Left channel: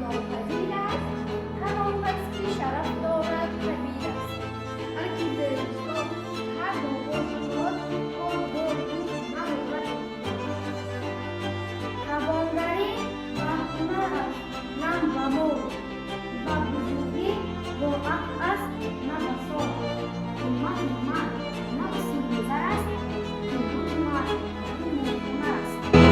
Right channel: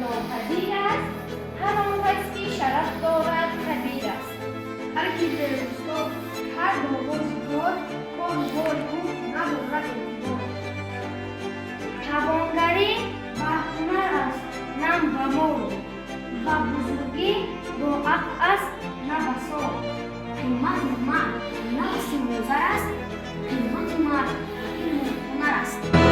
ناپذیر است، همان کس که شرف دارد کبیر است. هر کی به روستا هر نواز کار آن بار او ندارد اعتبار. توانگری و هنر است نم و مور، و بزرگی با عقل است نه بسا. قیمت مرد نفس گذر است، قیمت مرد علم هنر است.